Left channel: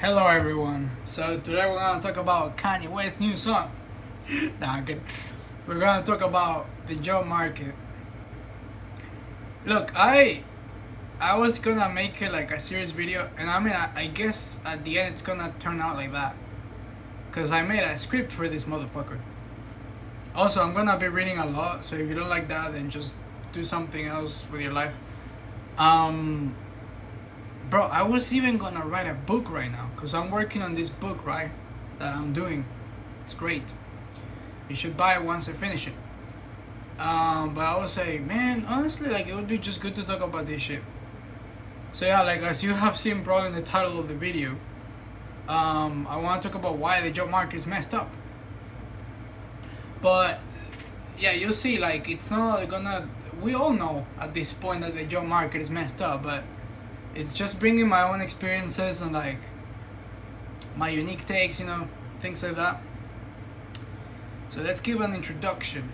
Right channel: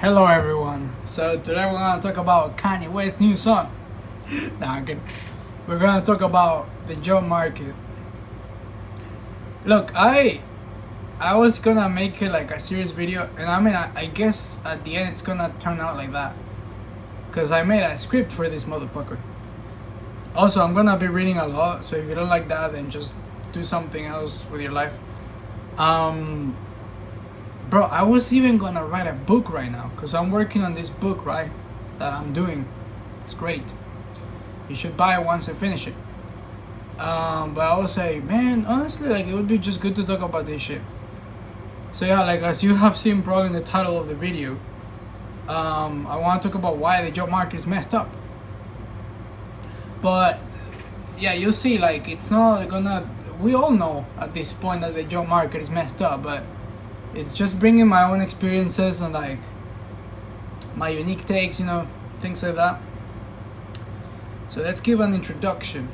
Hello everyone. So today we're gonna talk about Kanye West's new song. Nah, I'm kidding. We're gonna talk about the job market. Look, I was gonna make it like a serious video, and I guess at the end it's gonna turn out like that, cause I made a script for this motherfucker. Also, I'm gonna be reading a lot, so if you don't like that, then just do something else with your life. Bro, I was even gonna write a book right now, because I'm working on this book, right? That I'm doing. It's great. You should buy it once I finish it. But I was like, man, honestly, like, it would be just good to talk about this shit. So yeah, like, as you have seen probably in the title of the video, I want to talk about why the job market is messed up. But yeah, you'll see, like, it's not gonna, we all know at this point that the job market is messed up, but it's just bringing my own experiences and like my unique takes, things like that. So let's give an introduction.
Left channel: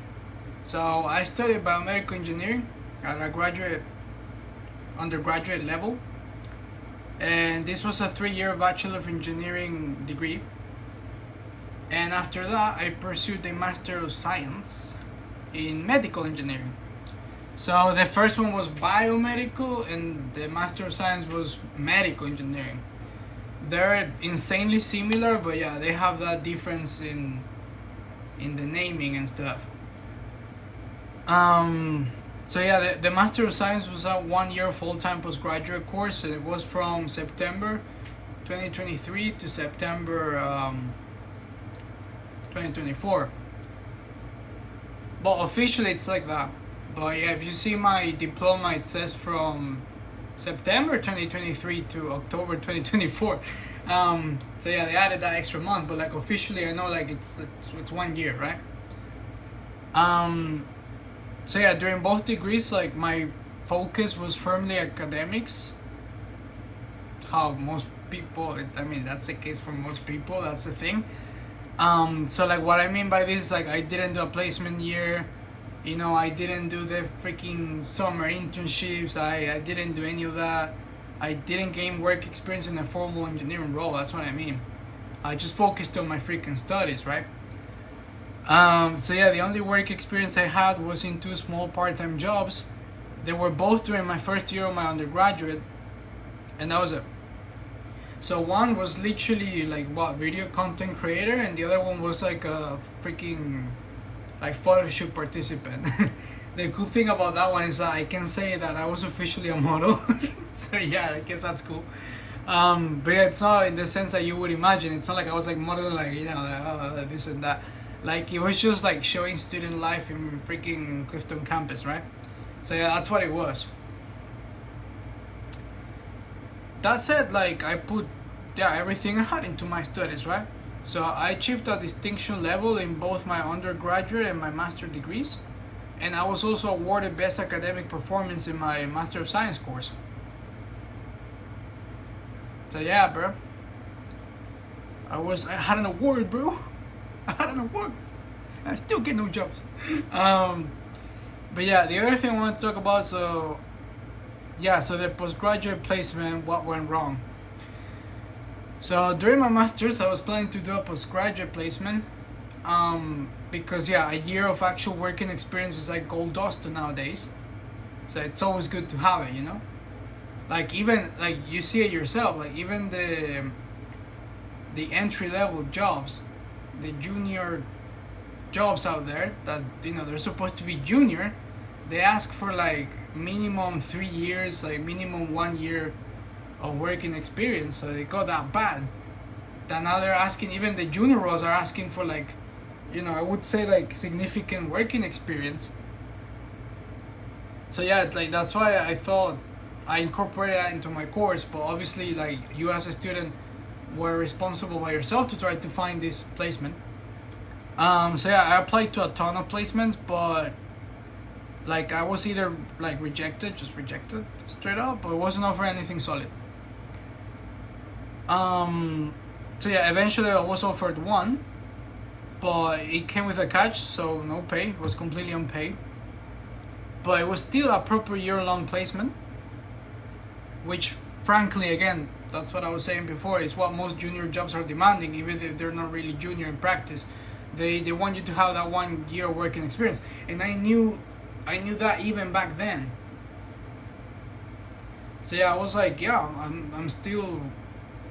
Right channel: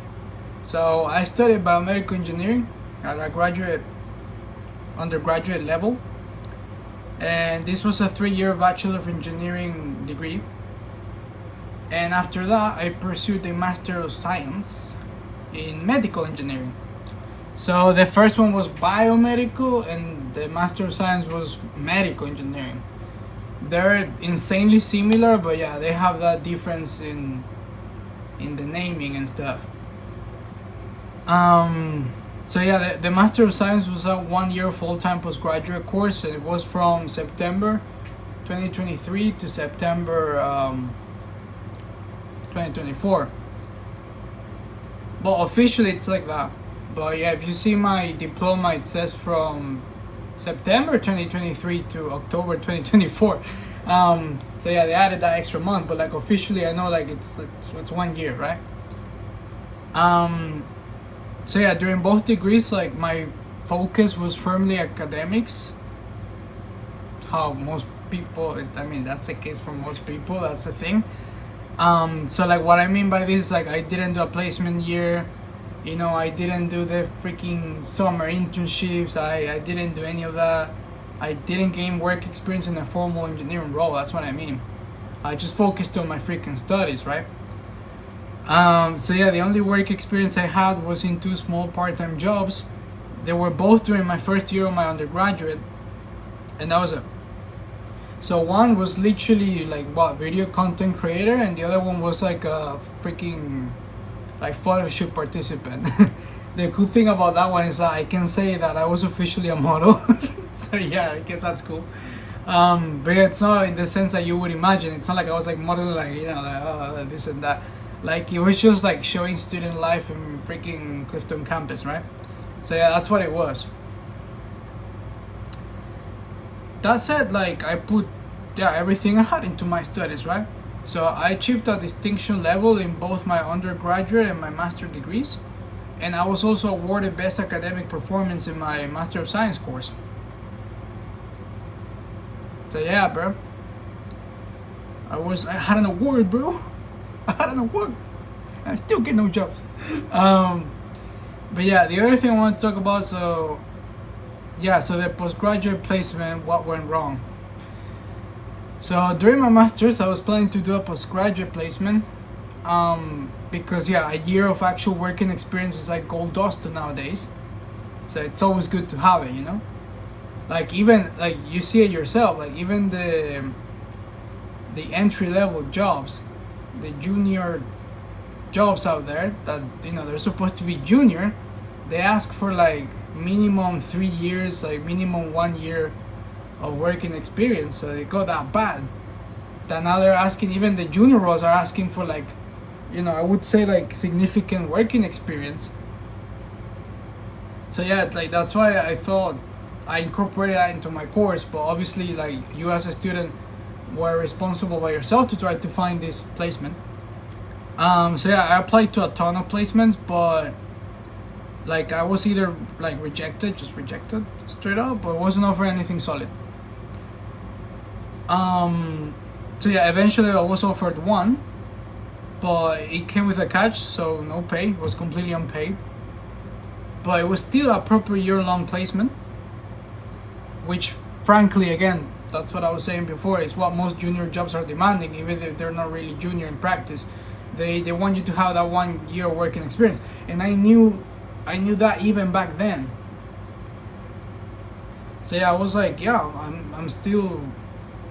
So I studied biomedical engineering at a undergraduate level, and this was a 3-year Bachelor of Engineering degree. And after that, I pursued a Master of Science in medical engineering. So the first one was biomedical, and the Master of Science was medical engineering. They're insanely similar, but yeah, they have that difference in the naming and stuff. So yeah, the Master of Science was a 1-year full-time postgraduate course, and it was from September 2023 to September 2024. But officially it's like that. But yeah, if you see my diploma, it says from September 2023 to October 2024. So yeah, they added that extra month, but like officially, I know like it's 1 year, right? So yeah, during both degrees, like my focus was firmly academics. How most people, that's the case for most people. That's the thing. So like what I mean by this, like I didn't do a placement year. I didn't do the freaking summer internships. I didn't do any of that. I didn't gain work experience in a formal engineering role. That's what I mean. I just focused on my freaking studies, right? So yeah, the only work experience I had was in 2 small part-time jobs. They were both during my first year of my undergraduate, and that was it. So one was literally like video content creator, and the other one was like a freaking like photo shoot participant. The cool thing about that one is that I can say that I was officially a model. So yeah, I guess that's cool. But yeah, it's not in the sense that you would imagine. It's not like I was like modeling like this and that. Like it was just like showing student life in freaking Clifton campus, right? So yeah, that's what it was. That said, like I put everything I had into my studies, right? So I achieved a distinction level in both my undergraduate and my master degrees, and I was also awarded best academic performance in my Master of Science course. So yeah, bro, I had an award, bro. I had an award. I still get no jobs. But yeah, the other thing I want to talk about, so the postgraduate placement, what went wrong. So during my master's, I was planning to do a postgraduate placement, because a year of actual working experience is like gold dust nowadays. So it's always good to have it, Like even like you see it yourself, like even the entry level jobs, the junior jobs out there that they're supposed to be junior, they ask for like minimum 3 years, like minimum 1 year of working experience. So they got that bad that now they're asking, even the junior roles are asking for like I would say like significant working experience. So yeah, like that's why I thought I incorporated that into my course. But obviously, like you as a student were responsible by yourself to try to find this placement. So yeah, I applied to a ton of placements, but like I was either like rejected straight up, but it wasn't offered anything solid. So yeah, eventually I was offered one, but it came with a catch, so no pay. It was completely unpaid, but it was still a proper year-long placement, which frankly, again, That's what I was saying before. It's what most junior jobs are demanding, even if they're not really junior in practice. They want you to have that 1 year working experience, and I knew that even back then. So yeah, I was like, yeah, I'm still,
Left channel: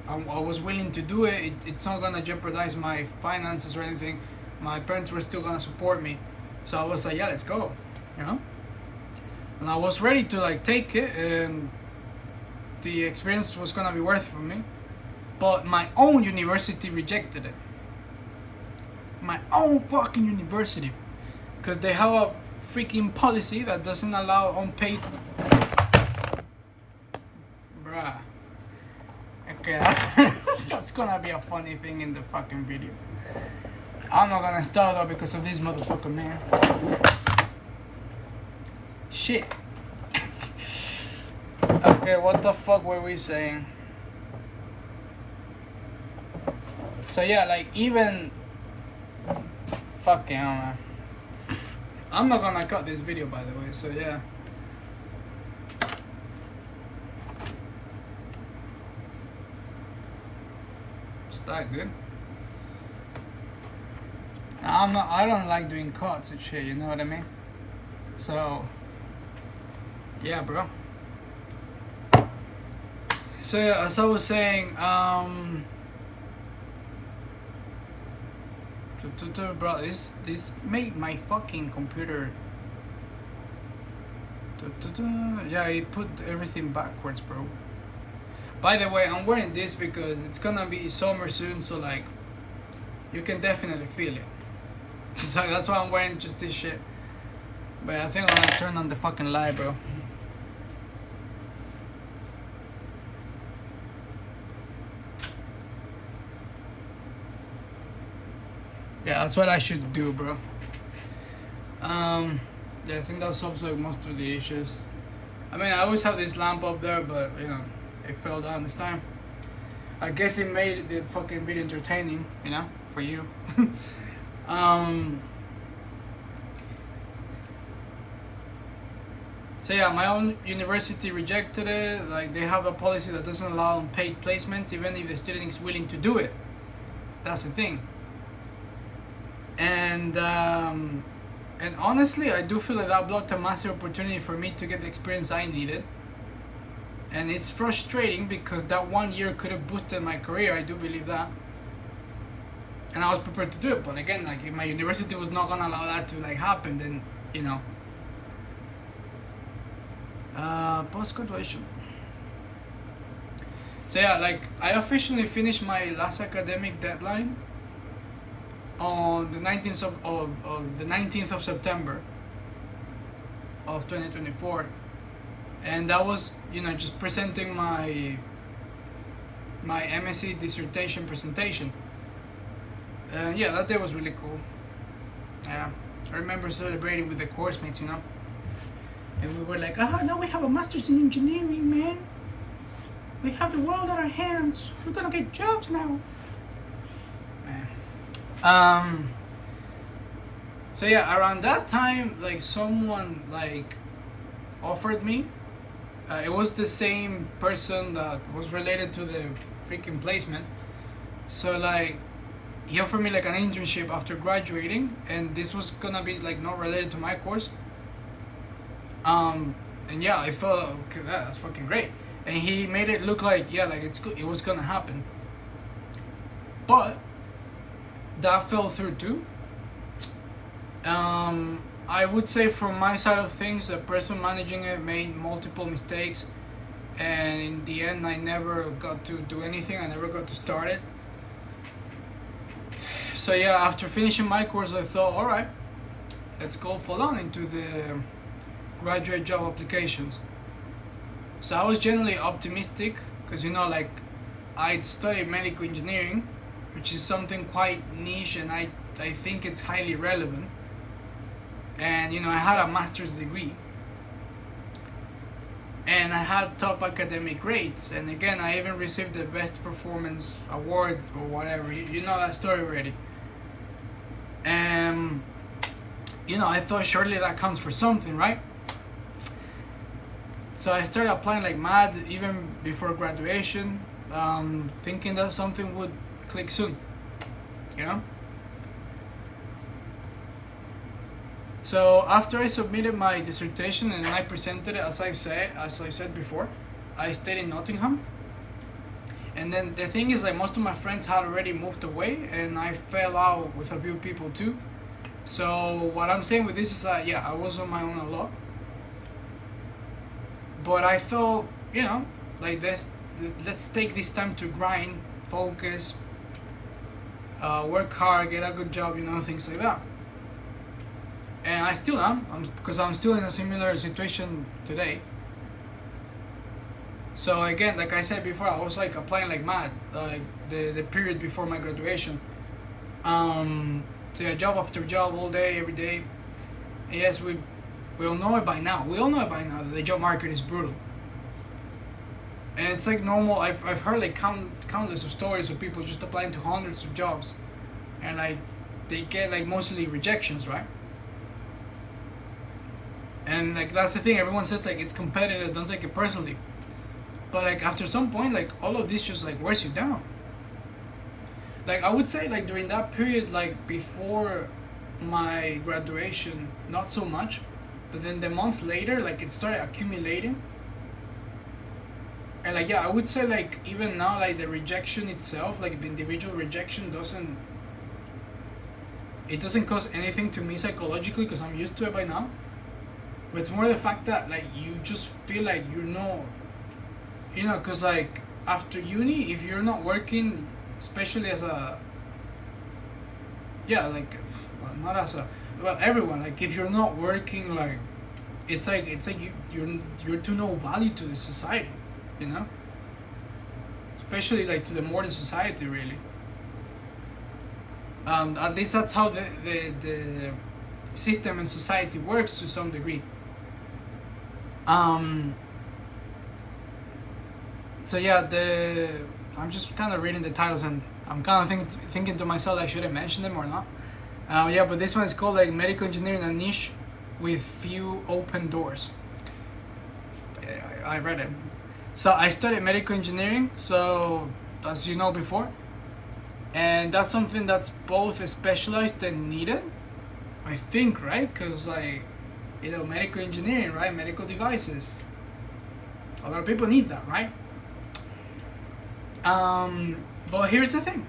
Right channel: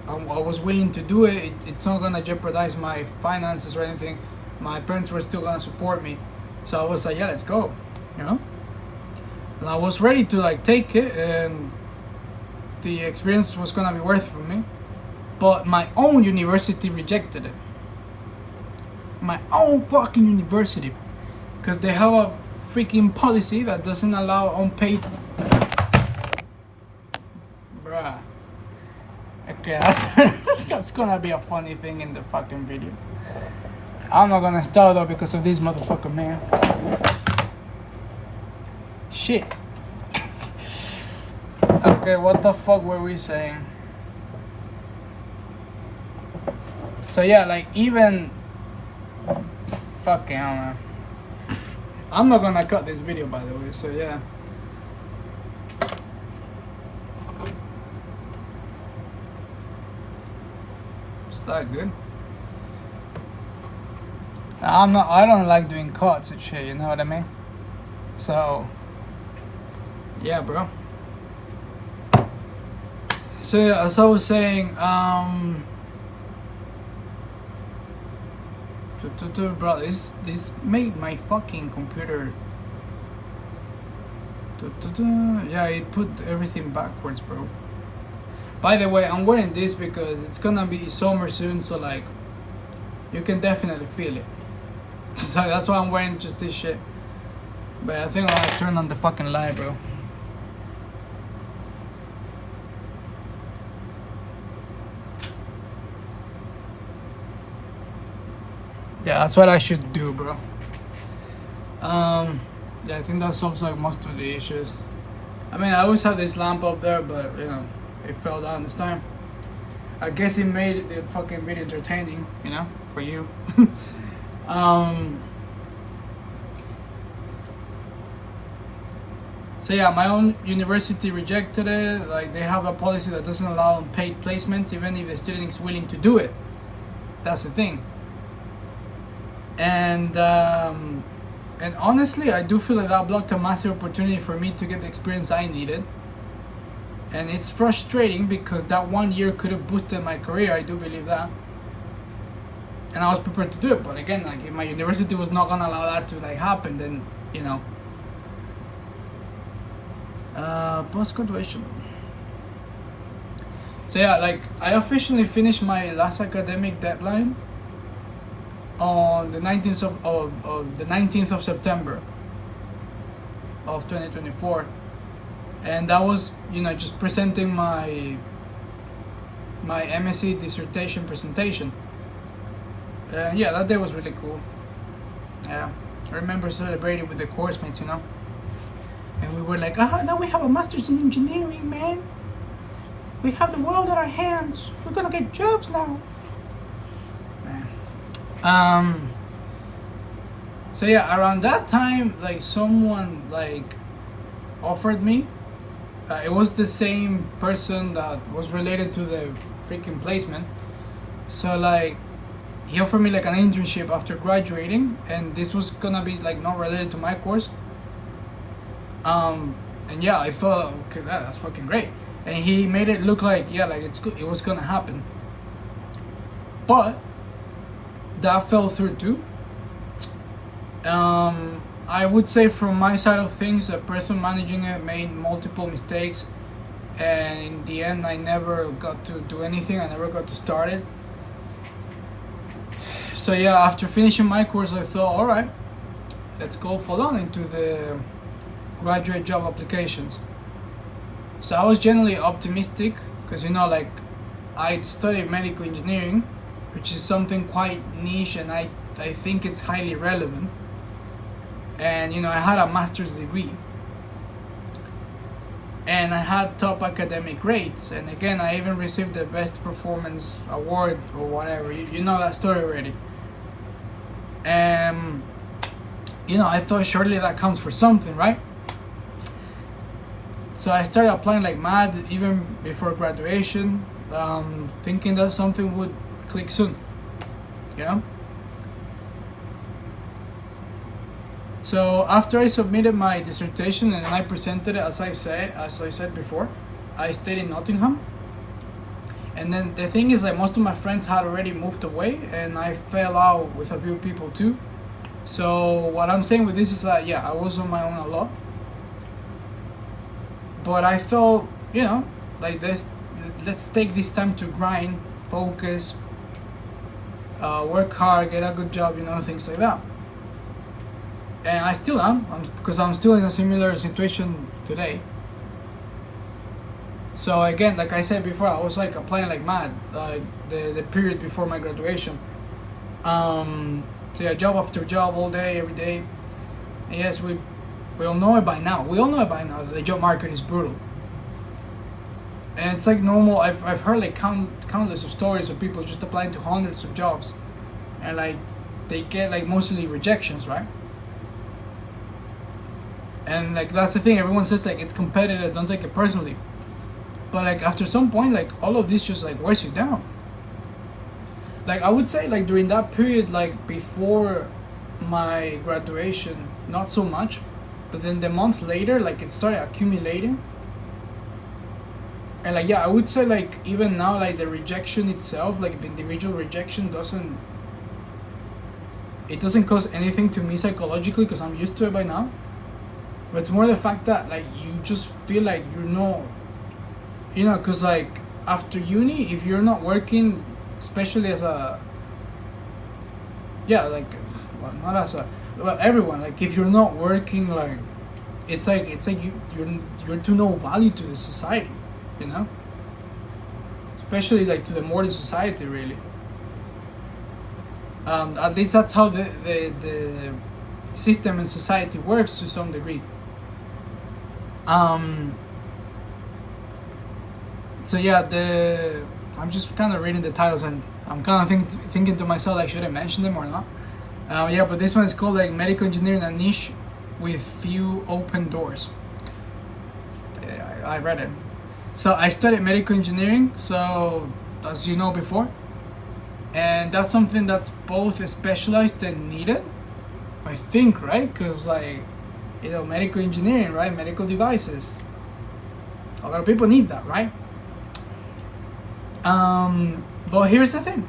I was willing to do it. It's not gonna jeopardize my finances or anything. My parents were still gonna support me, so I was like, yeah, let's go, you know. And I was ready to like take it, and the experience was gonna be worth it for me. But my own university rejected it. My own fucking university, because they have a freaking policy that doesn't allow unpaid. Bruh. Okay, that's gonna be a funny thing in the fucking video. I'm not gonna start though because of this motherfucker, man. Shit. Okay, what the fuck were we saying? So yeah, like even fucking, I don't know. I'm not gonna cut this video, by the way, so yeah. Is that good? I don't like doing cuts and shit, you know what I mean? So yeah, bro. So yeah, as I was saying, bro, this made my fucking computer. Yeah, it put everything backwards, bro. By the way, I'm wearing this because it's gonna be summer soon, so like, you can definitely feel it. So that's why I'm wearing just this shit. But I think I'm gonna turn on the fucking light, bro. Yeah, that's what I should do, bro. Yeah, I think that solves like most of the issues. I mean, I always have this lamp up there, but you know, it fell down this time. I guess it made the fucking video entertaining, you know, for you. So yeah, my own university rejected it. Like, they have a policy that doesn't allow unpaid placements, even if the student is willing to do it. That's the thing. And honestly, I do feel like that blocked a massive opportunity for me to get the experience I needed. And it's frustrating because that 1 year could have boosted my career. I do believe that. And I was prepared to do it. But again, like, if my university was not gonna allow that to like happen, then, you know. Post-graduation. So yeah, like, I officially finished my last academic deadline on the 19th of the 19th of September of 2024, and that was, you know, just presenting my MSc dissertation presentation. Yeah, that day was really cool. Yeah, I remember celebrating with the course mates, you know, and we were like, now we have a master's in engineering, man. We have the world at our hands. We're gonna get jobs now, man. So yeah, around that time, like, someone like offered me. It was the same person that was related to the freaking placement. So like, he offered me like an internship after graduating, and this was gonna be like not related to my course. And yeah, I thought, okay, that's fucking great. And he made it look like, yeah, like it was gonna happen. But that fell through too. I would say from my side of things, the person managing it made multiple mistakes, and in the end I never got to do anything. I never got to start it. So yeah, after finishing my course, I thought, alright, let's go full on into the graduate job applications. So I was generally optimistic because, you know, like, I'd studied medical engineering, which is something quite niche, and I think it's highly relevant. And, you know, I had a master's degree, and I had top academic grades, and again, I even received the best performance award or whatever. You know that story already. And, you know, I thought surely that counts for something, right? So I started applying like mad even before graduation, thinking that something would click soon, you know. So after I submitted my dissertation and I presented it, as I said before, I stayed in Nottingham. And then the thing is, like, most of my friends had already moved away, and I fell out with a few people too. So what I'm saying with this is that, yeah, I was on my own a lot, but I thought, you know, like this, let's take this time to grind, focus, work hard, get a good job, you know, things like that. And I still am, because I'm still in a similar situation today. So again, like I said before, I was like applying like mad, like the period before my graduation. So yeah, job after job, all day, every day. And yes, we all know it by now. We all know it by now that the job market is brutal. And it's like normal. I've heard like countless of stories of people just applying to hundreds of jobs, and like they get like mostly rejections, right? And like that's the thing. Everyone says like it's competitive. Don't take it personally. But like after some point, like all of this just like wears you down. Like I would say like during that period, like before my graduation, not so much, but then the months later, like it started accumulating. And like yeah, I would say like even now, like the rejection itself, like the individual rejection doesn't cause anything to me psychologically because I'm used to it by now. But it's more the fact that like you just feel like you're not, you know, because like after uni, if you're not working, especially as a, yeah, like, well, not as a, well, everyone, like if you're not working, like it's like you're to no value to the society, you know, especially like to the modern society, really. At least that's how the system and society works to some degree. So yeah, I'm just kind of reading the titles and I'm kind of thinking to myself, like, should I mention them or not? Yeah, but this one is called like medical engineering, a niche with few open doors. Yeah, I read it. So I studied medical engineering, so as you know before, and that's something that's both specialized and needed, I think, right? Because like, you know, medical engineering, right? Medical devices. A lot of people need that, right? But here's the thing.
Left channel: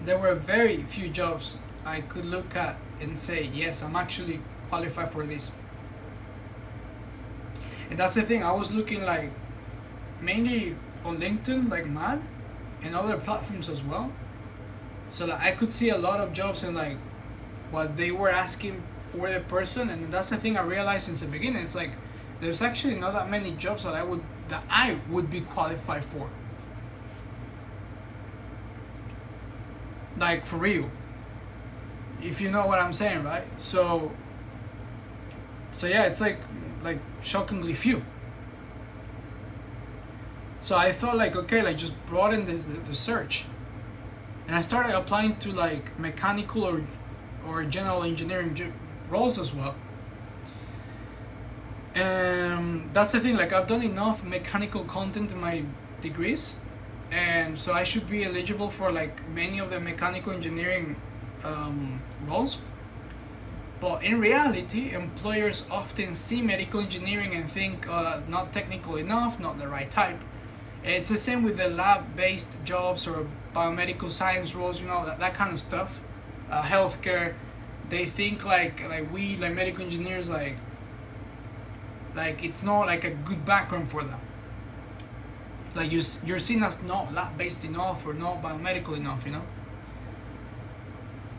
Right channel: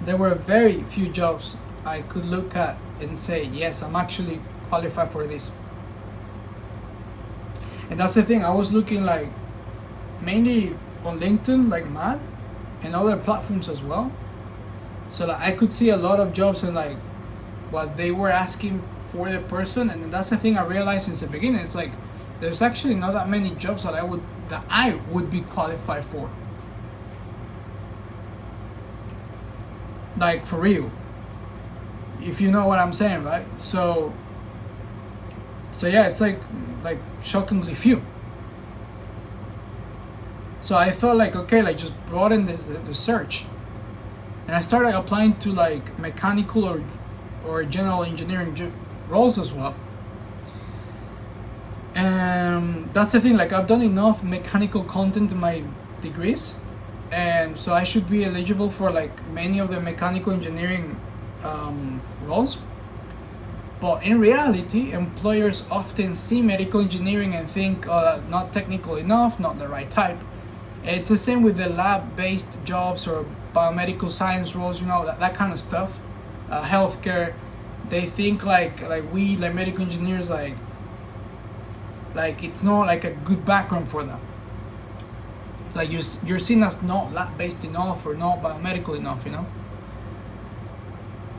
There were very few jobs I could look at and say, yes, I'm actually qualified for this. And that's the thing. I was looking like mainly on LinkedIn, like mad, and other platforms as well. So that I could see a lot of jobs and like what they were asking for the person. And that's the thing I realized since the beginning. It's like there's actually not that many jobs that I would be qualified for. Like for real, if you know what I'm saying, right? So yeah, it's like shockingly few. So I thought like, okay, like just broaden the search, and I started applying to like mechanical or general engineering roles as well. And that's the thing, like I've done enough mechanical content in my degrees, and so I should be eligible for like many of the mechanical engineering roles. But in reality, employers often see medical engineering and think, oh, not technical enough, not the right type. And it's the same with the lab-based jobs or biomedical science roles, you know, that kind of stuff. Healthcare, they think like we like medical engineers like it's not like a good background for them. Like you're seen as not lab-based enough or not biomedical enough, you know.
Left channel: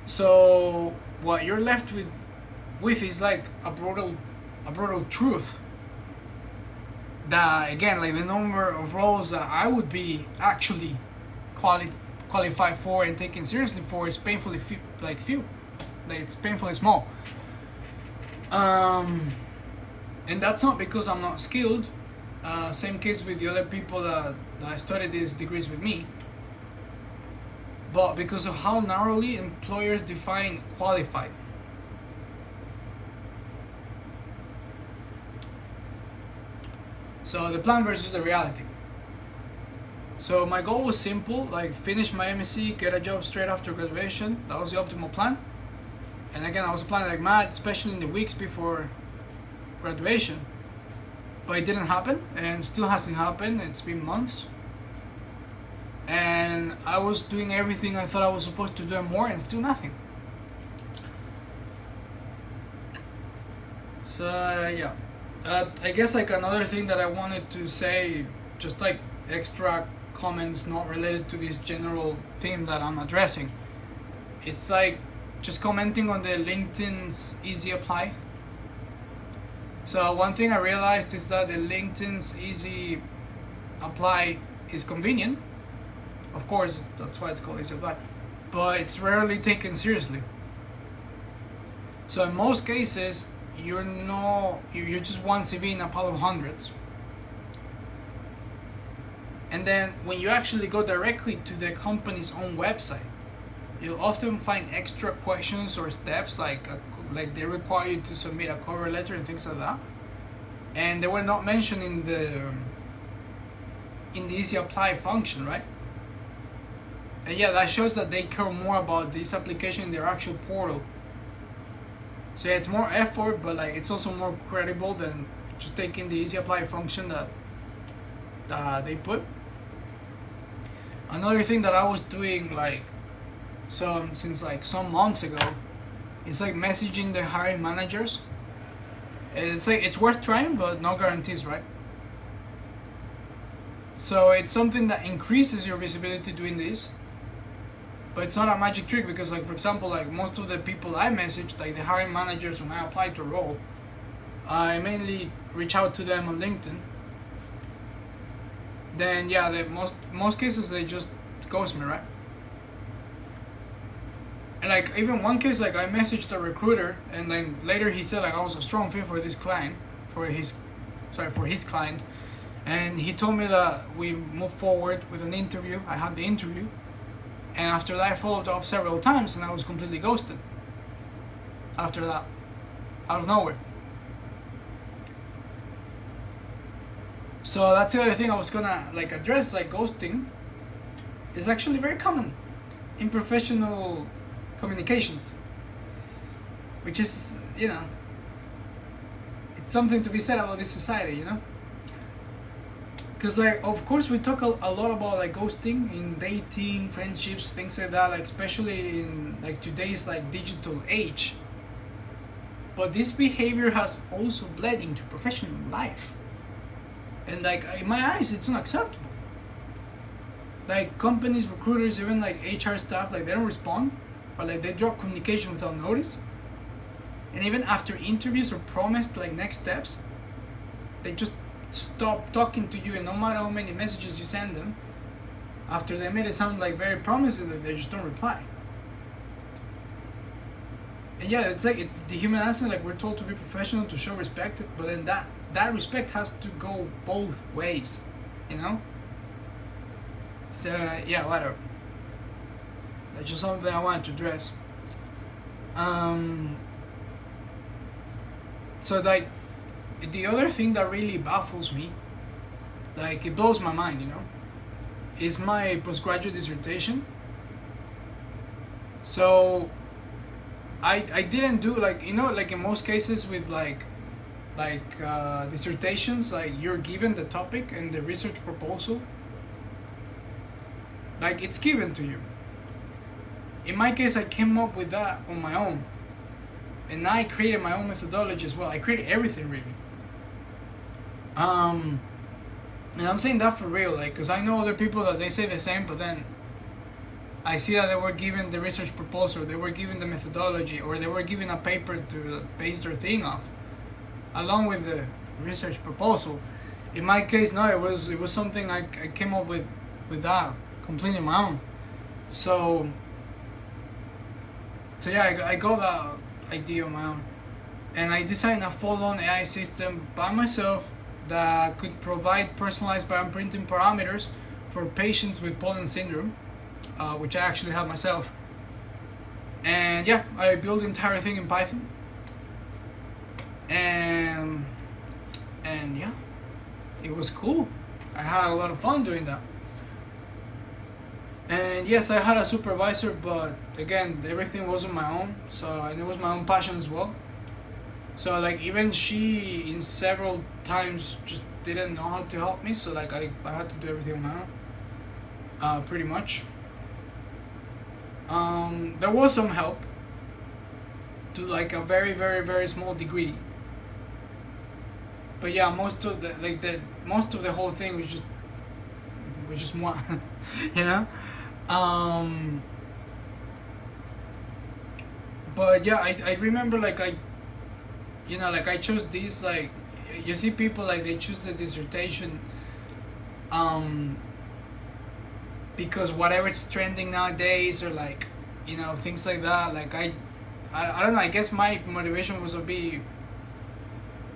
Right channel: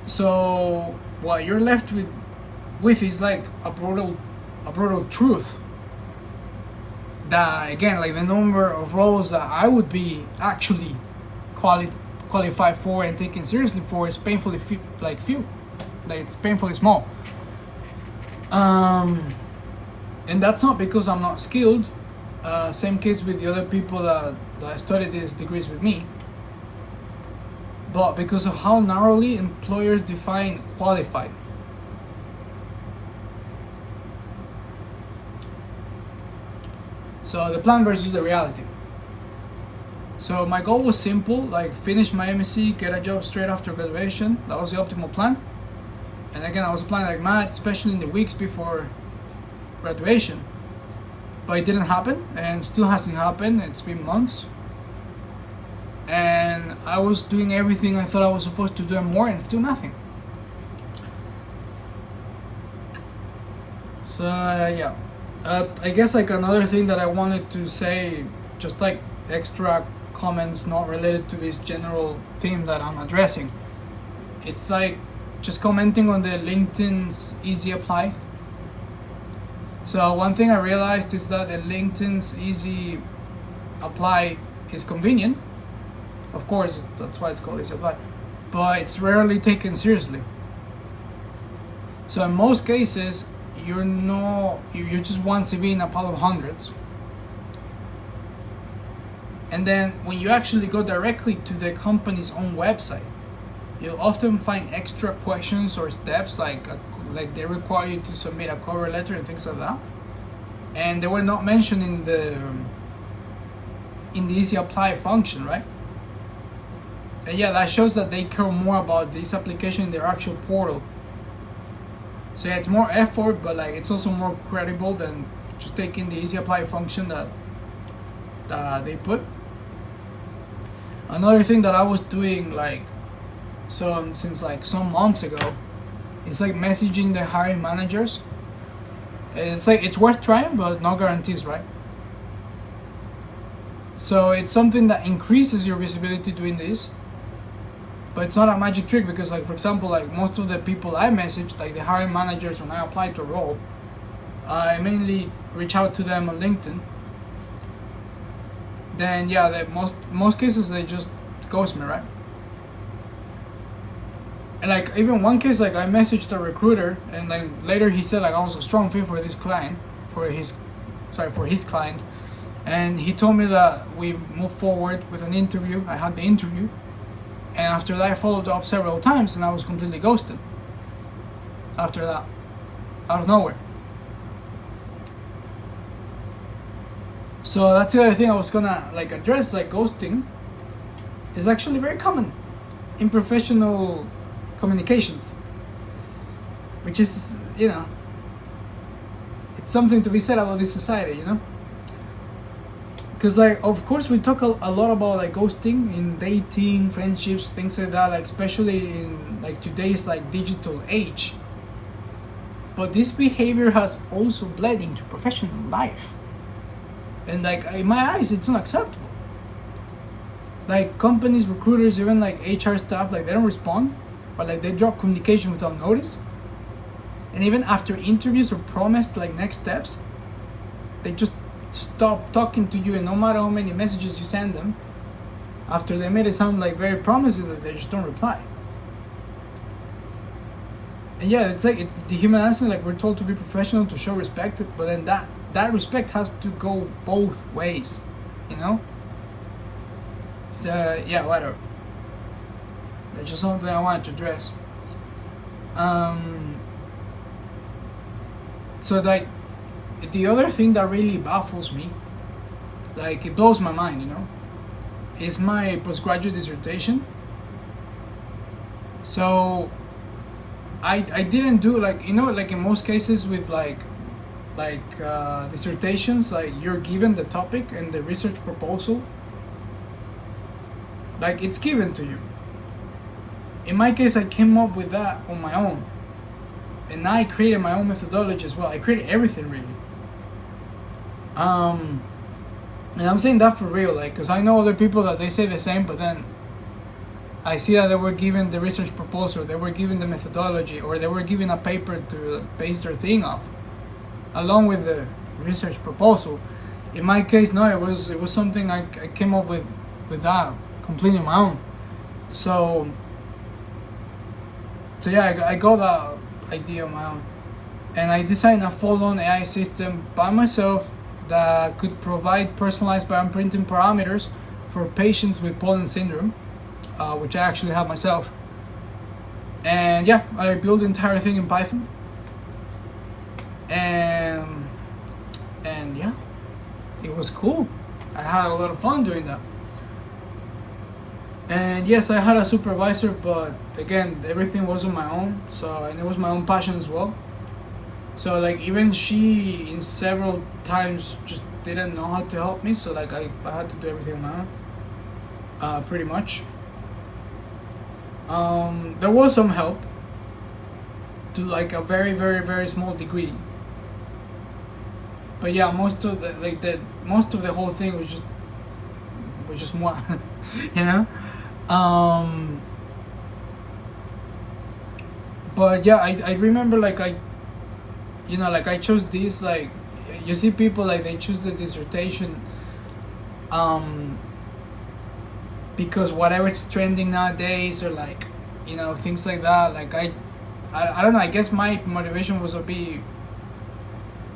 So what you're left with is like a brutal truth. That again, like the number of roles that I would be actually qualified for and taken seriously for is painfully few. Like it's painfully small. And that's not because I'm not skilled. Same case with the other people that studied these degrees with me, but because of how narrowly employers define qualified. So the plan versus the reality. So my goal was simple, like finish my MSc, get a job straight after graduation. That was the optimal plan. And again, I was applying like mad, especially in the weeks before graduation. But it didn't happen, and still hasn't happened. It's been months. And I was doing everything I thought I was supposed to do and more, and still nothing. So yeah, I guess like another thing that I wanted to say, just like extra comments not related to this general theme that I'm addressing. It's like just commenting on the LinkedIn's easy apply. So one thing I realized is that the LinkedIn's easy apply is convenient. Of course, that's why it's called easy apply, but it's rarely taken seriously. So in most cases, you're just one CV in a pile of hundreds. And then when you actually go directly to the company's own website, you'll often find extra questions or steps like they require you to submit a cover letter and things like that, and they were not mentioned in the easy apply function, right? And yeah, that shows that they care more about this application in their actual portal. So yeah, it's more effort, but like it's also more credible than just taking the easy apply function that they put. Another thing that I was doing since like some months ago is like messaging the hiring managers. And it's like it's worth trying, but no guarantees, right? So it's something that increases your visibility doing this. But it's not a magic trick, because like for example, like most of the people I messaged, like the hiring managers, when I applied to a role, I mainly reach out to them on LinkedIn. Then yeah, most cases they just ghost me, right? And like even one case, like I messaged a recruiter, and then later he said like I was a strong fit for this client, for his client, and he told me that we moved forward with an interview. I had the interview. And after that, I followed up several times, and I was completely ghosted. After that, out of nowhere. So that's the other thing I was gonna like address. Like ghosting is actually very common in professional communications, which is, it's something to be said about this society, Because like of course we talk a lot about like ghosting in dating, friendships, things like that, like especially in like today's like digital age. But this behavior has also bled into professional life. And like in my eyes, it's unacceptable. Like companies, recruiters, even like HR staff, like they don't respond, or like they drop communication without notice. And even after interviews or promised like next steps, they just stop talking to you, and no matter how many messages you send them, after they made it sound like very promising, that they just don't reply. And yeah, it's like it's dehumanizing. Like we're told to be professional, to show respect, but then that respect has to go both ways, So yeah, whatever. That's just something I wanted to address. So like the other thing that really baffles me, like it blows my mind, is my postgraduate dissertation. So I didn't do like in most cases with like dissertations, like you're given the topic and the research proposal, like it's given to you. In my case, I came up with that on my own, and I created my own methodology as well. I created everything really. And I'm saying that for real, like, because I know other people that they say the same, but then I see that they were given the research proposal, they were given the methodology, or they were given a paper to base their thing off, along with the research proposal. In my case, no, it was something I came up with that completely on my own. So yeah, I got that idea on my own, and I designed a full-on AI system by myself that could provide personalized bioimprinting parameters for patients with Poland syndrome, which I actually have myself. And yeah, I built the entire thing in Python, and yeah, it was cool. I had a lot of fun doing that. And yes, I had a supervisor, but again, everything was on my own. So, and it was my own passion as well. So like even she in several times just didn't know how to help me. So like I had to do everything on my own, pretty much. There was some help to like a very very very small degree. But yeah, most of the whole thing was just moi, you know. But yeah, I remember like I chose this, like you see people like they choose the dissertation because whatever's trending nowadays, or like things like that. Like I don't know, I guess my motivation was a bit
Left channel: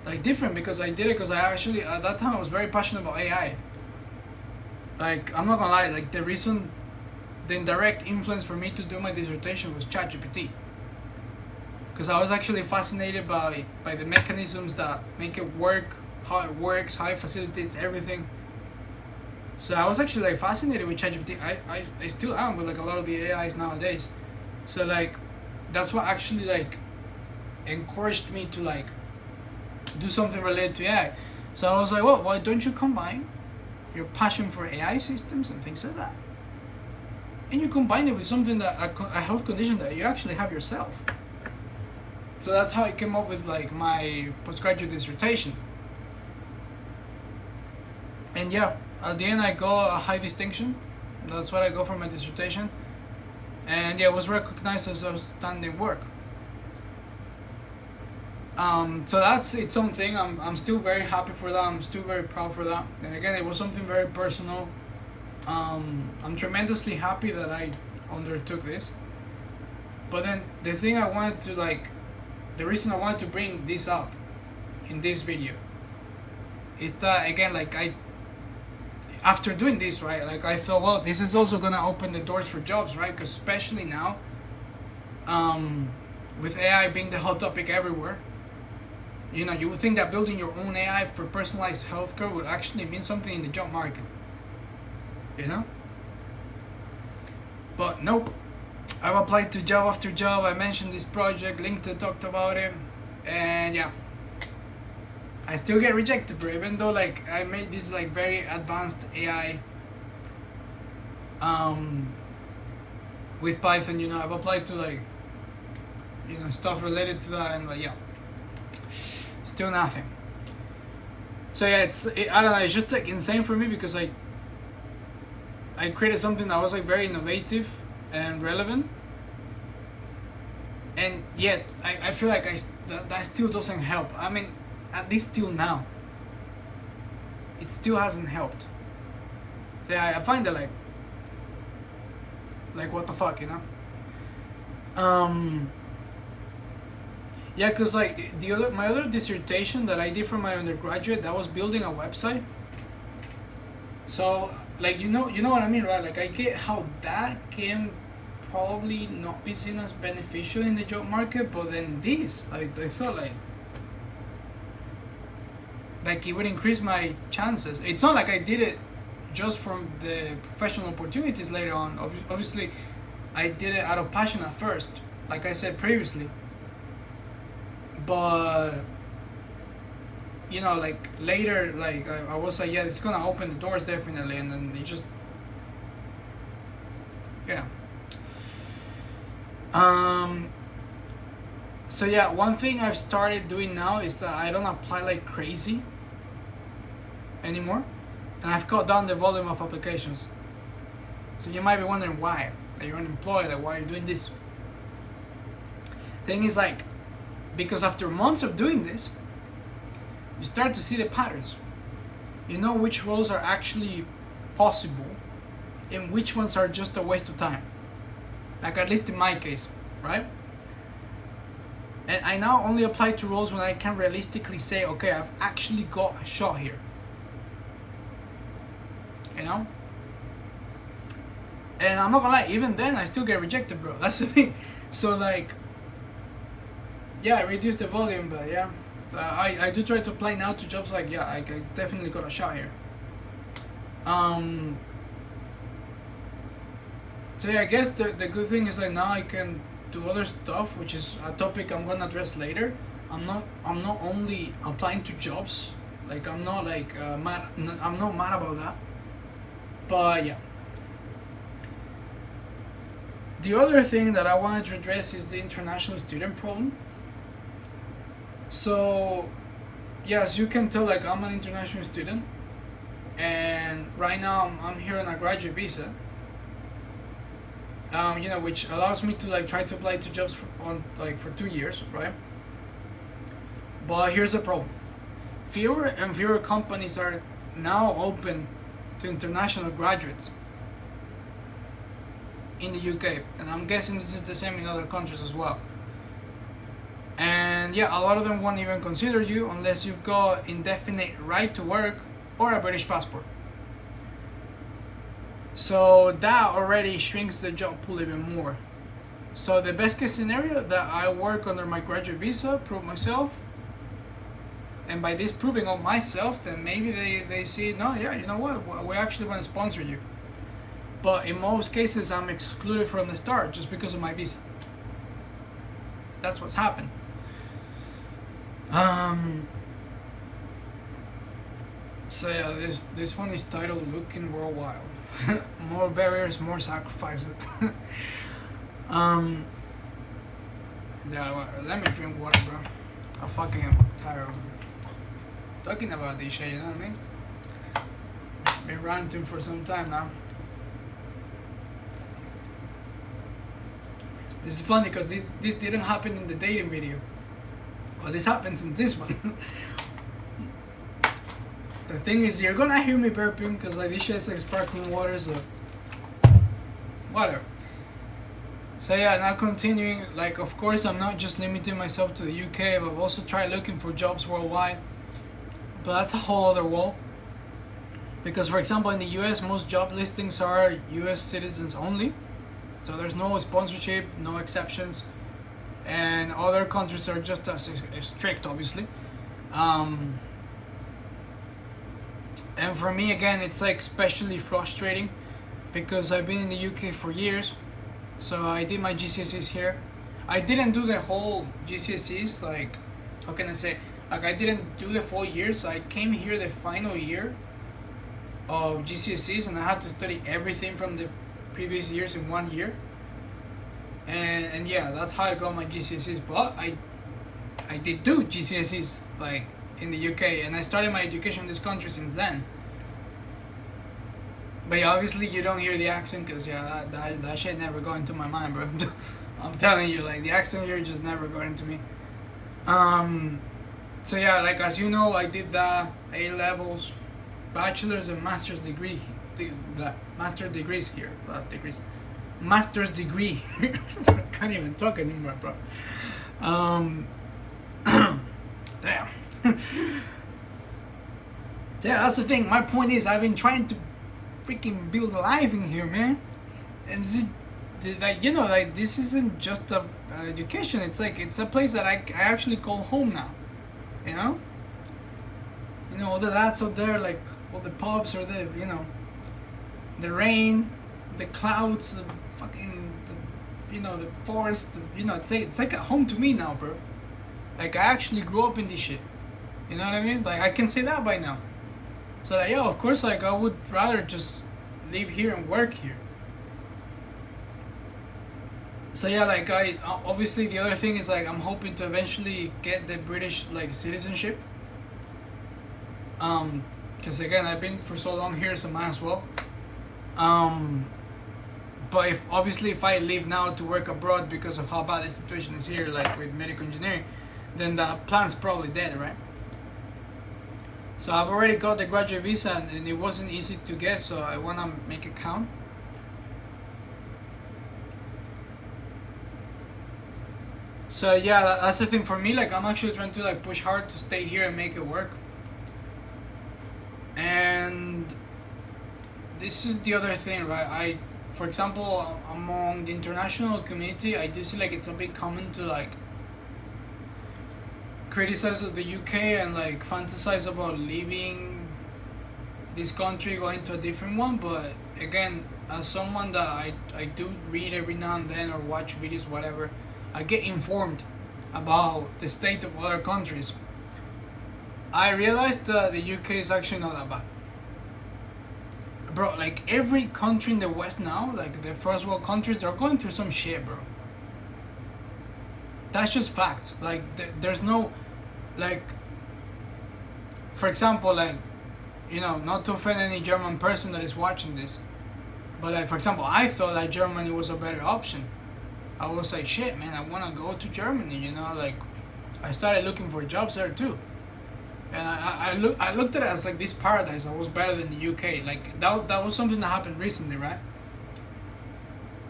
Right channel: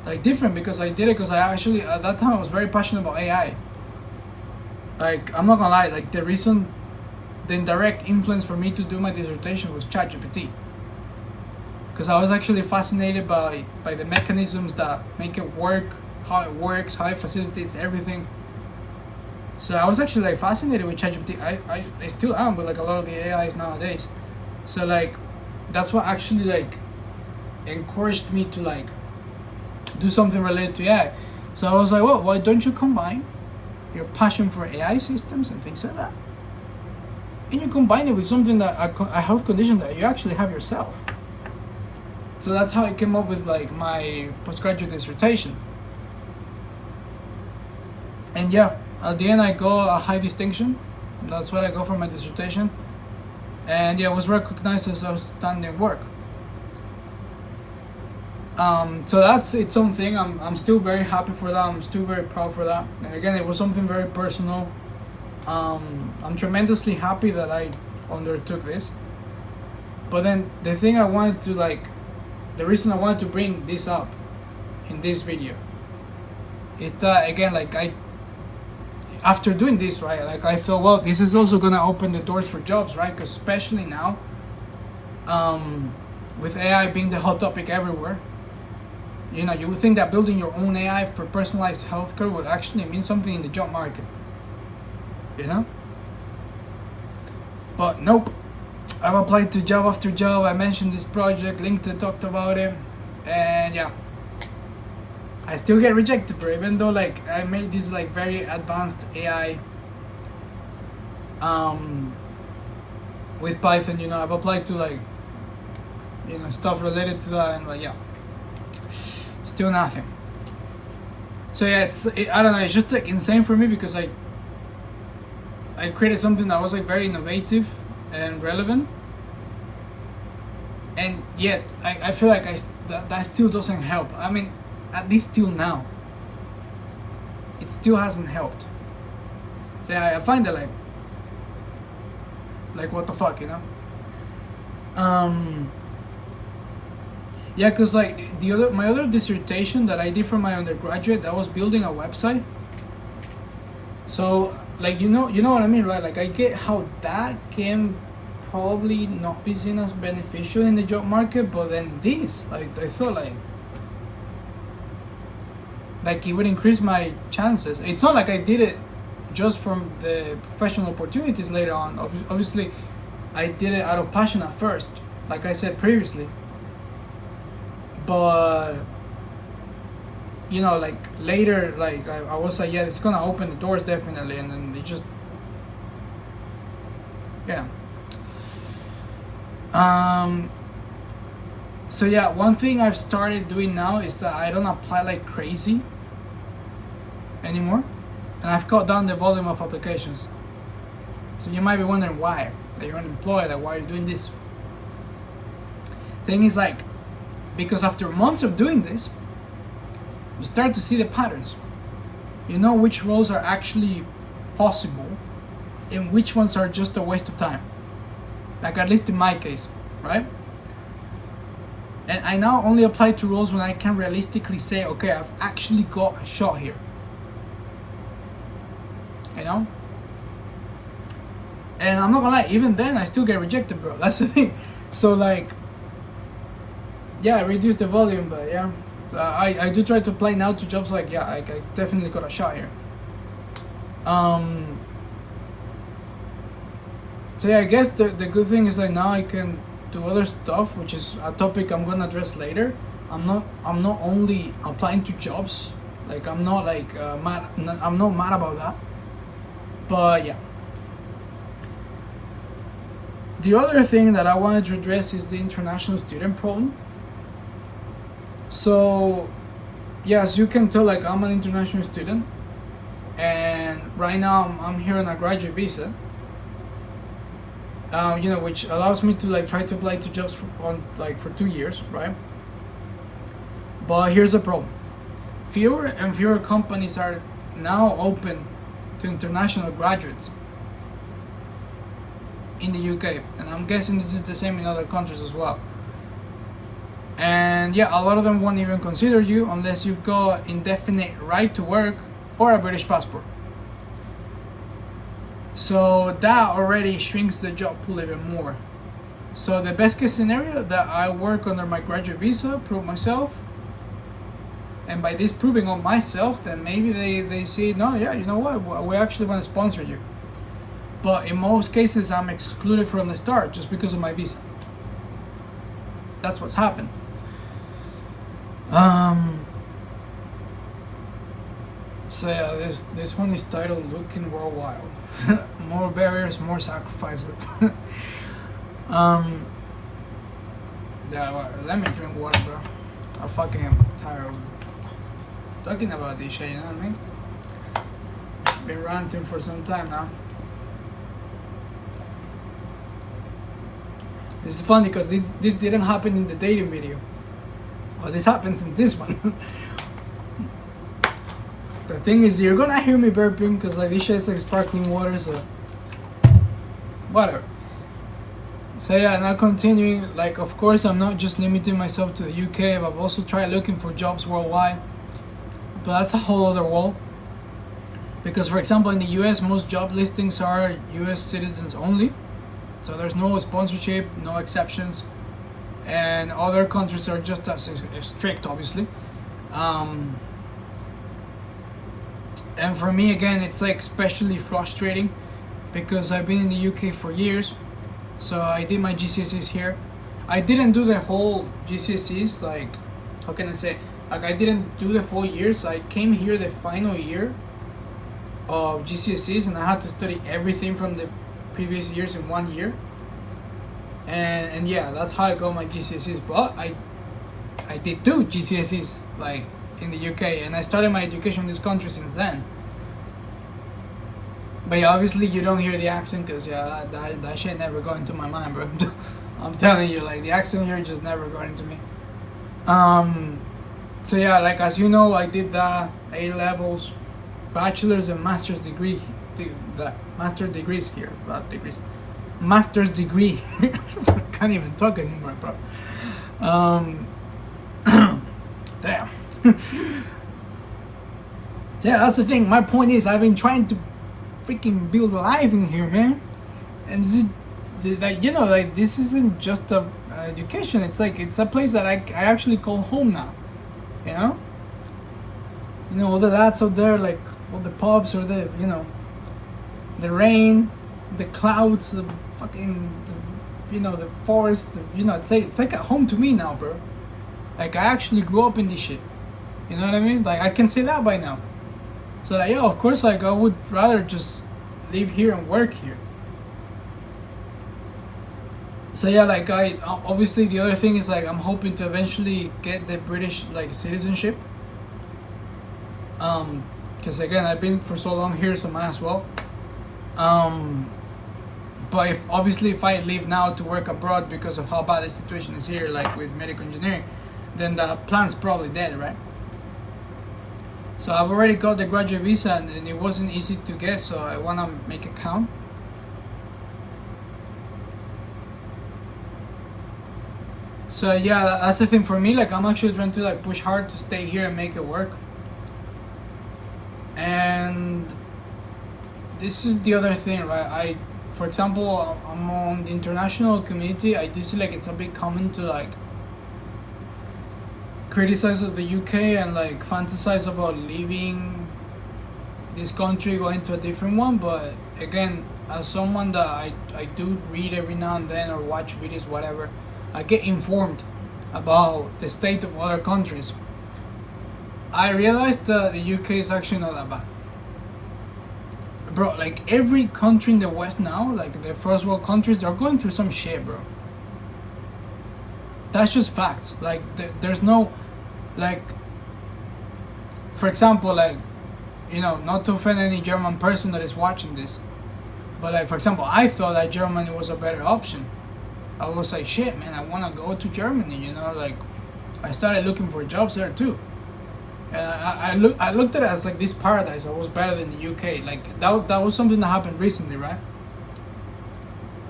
like different, because I did it because I actually at that time I was very passionate about AI. Like I'm not gonna lie, like the indirect influence for me to do my dissertation was ChatGPT, because I was actually fascinated by the mechanisms that make it work, how it works, how it facilitates everything. So I was actually like fascinated with ChatGPT. I still am with like a lot of the AIs nowadays. So like that's what actually like encouraged me to like do something related to AI. So I was like, well, why don't you combine your passion for AI systems and things like that, and you combine it with something that a health condition that you actually have yourself. So that's how I came up with like my postgraduate dissertation. And yeah, at the end I got a high distinction. That's what I got for my dissertation. And yeah, it was recognized as outstanding work. So that's its own thing. I'm still very happy for that. I'm still very proud for that. And again, it was something very personal. I'm tremendously happy that I undertook this. But then the thing I wanted to like, the reason I wanted to bring this up in this video is that again, like after doing this, right, like I thought, well, this is also gonna open the doors for jobs, right? Because especially now, with AI being the hot topic everywhere, you would think that building your own AI for personalized healthcare would actually mean something in the job market, But nope. I've applied to job after job. I mentioned this project, LinkedIn talked about it, and yeah, I still get rejected, bro. Even though like I made this like very advanced AI with Python, I've applied to like stuff related to that, and like yeah, still nothing. So yeah, I don't know, it's just like insane for me, because I created something that was like very innovative and relevant, and yet I feel like that still doesn't help. I mean, at least till now, it still hasn't helped. So yeah, I find it like what the fuck, Yeah, cause like my other dissertation that I did for my undergraduate, that was building a website. So like you know what I mean, right? Like I get how that can probably not be seen as beneficial in the job market, but then this, like I felt like it would increase my chances. It's not like I did it just from the professional opportunities later on. Obviously, I did it out of passion at first, like I said previously. But like later, like I was like, yeah, it's gonna open the doors definitely, and then it just, yeah. So yeah, one thing I've started doing now is that I don't apply like crazy anymore, and I've cut down the volume of applications. So you might be wondering why, that you're unemployed, like why are you doing this? Thing is like, because after months of doing this, you start to see the patterns. You know which roles are actually possible and which ones are just a waste of time. Like at least in my case, right? And I now only apply to roles when I can realistically say, okay, I've actually got a shot here. And I'm not gonna lie, even then I still get rejected, bro. That's the thing. So like, yeah, I reduced the volume, but yeah, I do try to apply now to jobs like, yeah, I definitely got a shot here. So yeah, I guess the good thing is like now I can do other stuff, which is a topic I'm gonna address later. I'm not only applying to jobs, like I'm not like mad. I'm not mad about that. But yeah, the other thing that I wanted to address is the international student problem. So yeah, as you can tell, like I'm an international student, and right now I'm here on a graduate visa. Which allows me to like try to apply to jobs for 2 years, right? But here's the problem: fewer and fewer companies are now open to international graduates in the UK, and I'm guessing this is the same in other countries as well. And yeah, a lot of them won't even consider you unless you've got indefinite right to work or a British passport. So that already shrinks the job pool even more. So the best case scenario, that I work under my graduate visa, prove myself, and by this proving of myself, then maybe they say, no, yeah, you know what, we actually want to sponsor you. But in most cases, I'm excluded from the start just because of my visa. That's what's happened. So yeah, this one is titled "Looking Worldwide." More barriers, more sacrifices. Yeah, let me drink water, bro. I fucking am tired of talking about this shit. You know what I mean? Been ranting for some time now. This is funny because this didn't happen in the dating video. Well, this happens in this one. The thing is, you're gonna hear me burping because like this shit is like sparkling water, so whatever. So yeah, now continuing, like of course I'm not just limiting myself to the UK, but I've also tried looking for jobs worldwide. But that's a whole other world. Because for example in the US, most job listings are US citizens only. So there's no sponsorship, no exceptions. And other countries are just as strict, obviously. And for me, again, it's like especially frustrating because I've been in the UK for years. So I did my GCSEs here. I didn't do the whole GCSEs, like, how can I say? Like, I didn't do the full year. So I came here the final year of GCSEs and I had to study everything from the previous years in 1 year. And yeah, that's how I got my GCSEs. But I did do GCSEs, like, in the UK, and I started my education in this country since then. But yeah, obviously you don't hear the accent because yeah, that shit never got into my mind, bro. I'm telling you, like the accent here just never got into me. So yeah, like as you know, I did the A levels, bachelor's and master's degree, the master degrees here, not degrees, master's degree. Can't even talk anymore, bro. Damn. Yeah, that's the thing. My point is, I've been trying to freaking build a life in here, man. And this is, like, you know, like this isn't just a education. It's like it's a place that I actually call home now. You know, all the lads out there, like all the pubs or the the rain, the clouds, the fucking the forest. It's like a home to me now, bro. Like I actually grew up in this shit. You know what I mean? Like I can say that by now. So like, yeah, of course, like I would rather just live here and work here. So yeah, like I obviously the other thing is like I'm hoping to eventually get the British like citizenship. Because again, I've been for so long here, so might as well. But if I leave now to work abroad because of how bad the situation is here, like with medical engineering, then the plan's probably dead, right? So I've already got the graduate visa and it wasn't easy to get, so I want to make it count. So yeah, that's the thing for me. Like I'm actually trying to like push hard to stay here and make it work. And this is the other thing, right? For example, among the international community, I do see like it's a bit common to like criticize of the UK and like fantasize about leaving this country, going to a different one. But again, as someone that I do read every now and then or watch videos, whatever, I get informed about the state of other countries. I realized that the UK is actually not that bad. Bro, like every country in the West now, like the first world countries, they're going through some shit, bro. That's just facts. Like there's no, like, for example, like, you know, not to offend any German person that is watching this, but like, for example, I thought that Germany was a better option. I was like, shit, man, I want to go to Germany, you know, like, I started looking for jobs there too. And I looked at it as like this paradise that was better than the UK. Like, that was something that happened recently, right?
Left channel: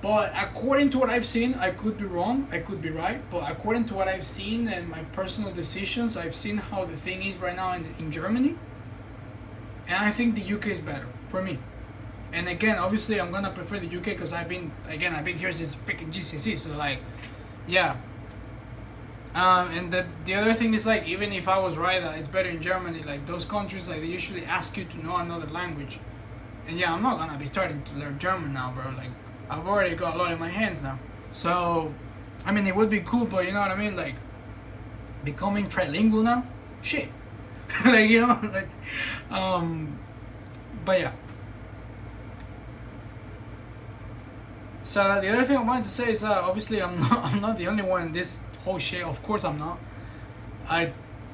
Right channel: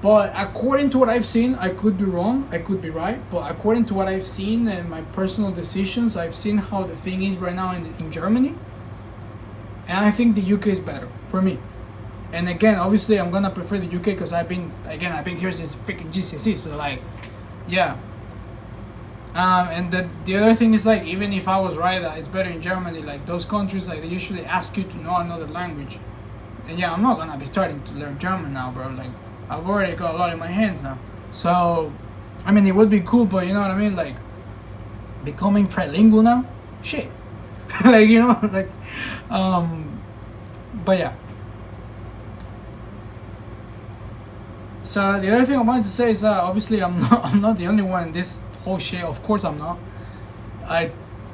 But according to what I've seen, I could be wrong, I could be right, but according to what I've seen and my personal decisions, I've seen how the thing is right now in Germany. And I think the UK is better for me. And again, obviously, I'm gonna prefer the UK because I've been here since freaking GCSE. So like, yeah. And the other thing is, like, even if I was right that it's better in Germany, like those countries, like they usually ask you to know another language. And yeah, I'm not gonna be starting to learn German now, bro. Like, I've already got a lot in my hands now. So, I mean, it would be cool, but you know what I mean? Like, becoming trilingual now? Shit. Like, you know, like, but yeah. So the other thing I wanted to say is that obviously I'm not the only one in this whole shit. Of course I'm not.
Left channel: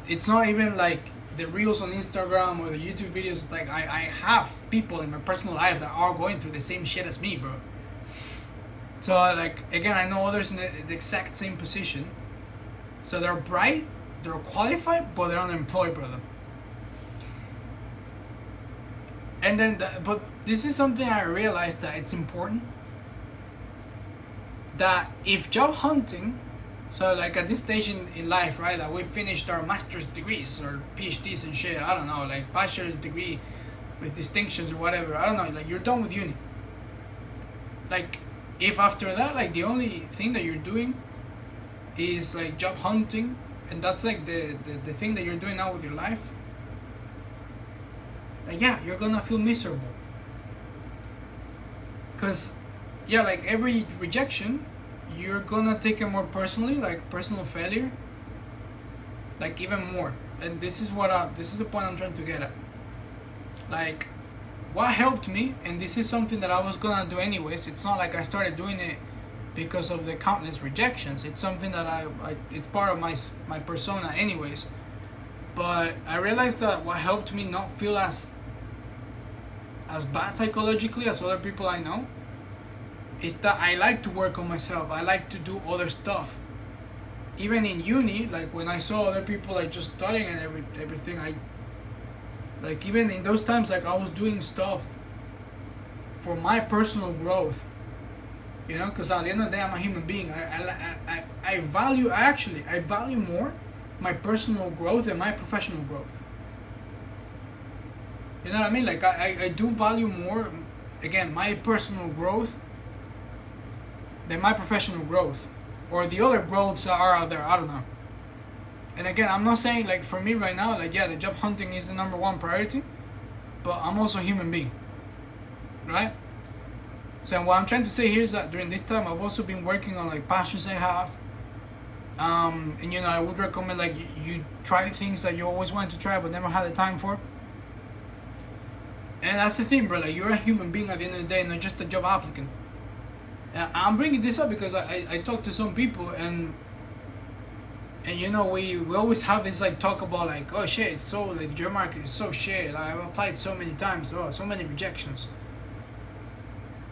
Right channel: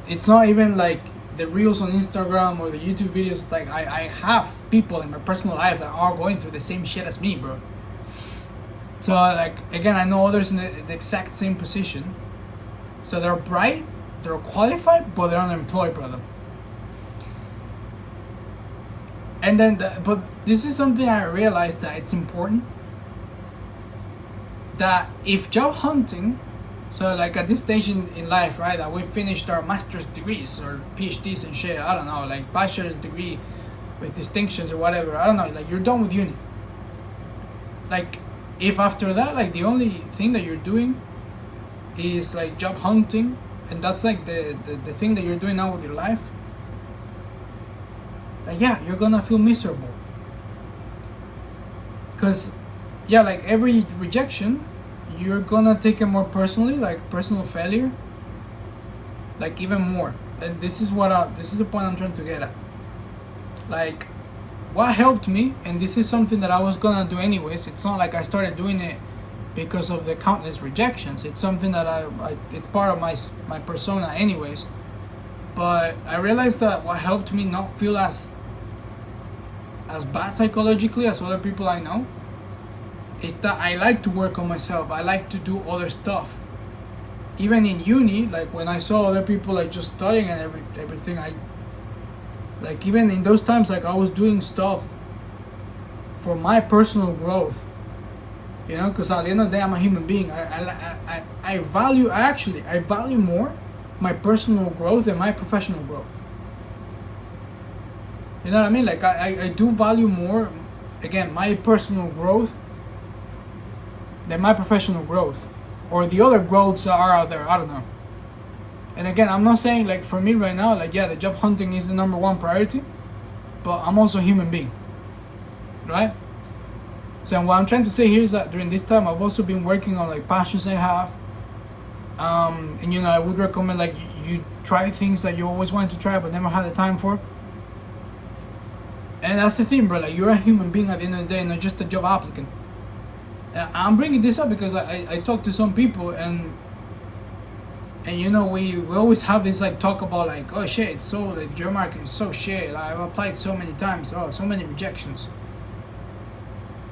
It's not even like the reels on Instagram or the YouTube videos. It's like I have people in my personal life that are going through the same shit as me, bro. So like, again, I know others in the exact same position. So they're bright, they're qualified, but they're unemployed, brother. And then, but this is something I realized that it's important. That if job hunting, so like at this stage in life, right, that we finished our master's degrees or PhDs and shit, I don't know, like bachelor's degree with distinctions or whatever, I don't know, like you're done with uni. Like, if after that, like the only thing that you're doing is like job hunting, and that's like the thing that you're doing now with your life, like, yeah, you're gonna feel miserable. Because, yeah, like every rejection, you're gonna take it more personally, like personal failure, like even more. And this is the point I'm trying to get at. Like, what helped me, and this is something that I was gonna do anyways. It's not like I started doing it because of the countless rejections. It's something that it's part of my persona anyways. But I realized that what helped me not feel as bad psychologically as other people I know is that I like to work on myself. I like to do other stuff. Even in uni, like when I saw other people like just studying and everything, like even in those times, like I was doing stuff for my personal growth. You know, because at the end of the day, I'm a human being. I value more my personal growth than my professional growth. You know what I mean? Like I do value more, again, my personal growth than my professional growth, or the other growths that are out there. I don't know. And again, I'm not saying like for me right now, like, yeah, the job hunting is the number one priority, but I'm also a human being, right? So what I'm trying to say here is that during this time, I've also been working on like passions I have. And you know, I would recommend like you try things that you always wanted to try but never had the time for. And that's the thing, bro. Like, you're a human being at the end of the day, not just a job applicant. I'm bringing this up because I talk to some people and you know, we always have this like talk about like, oh shit, it's so, like, the job market is so shit. Like, I've applied so many times, oh, so many rejections.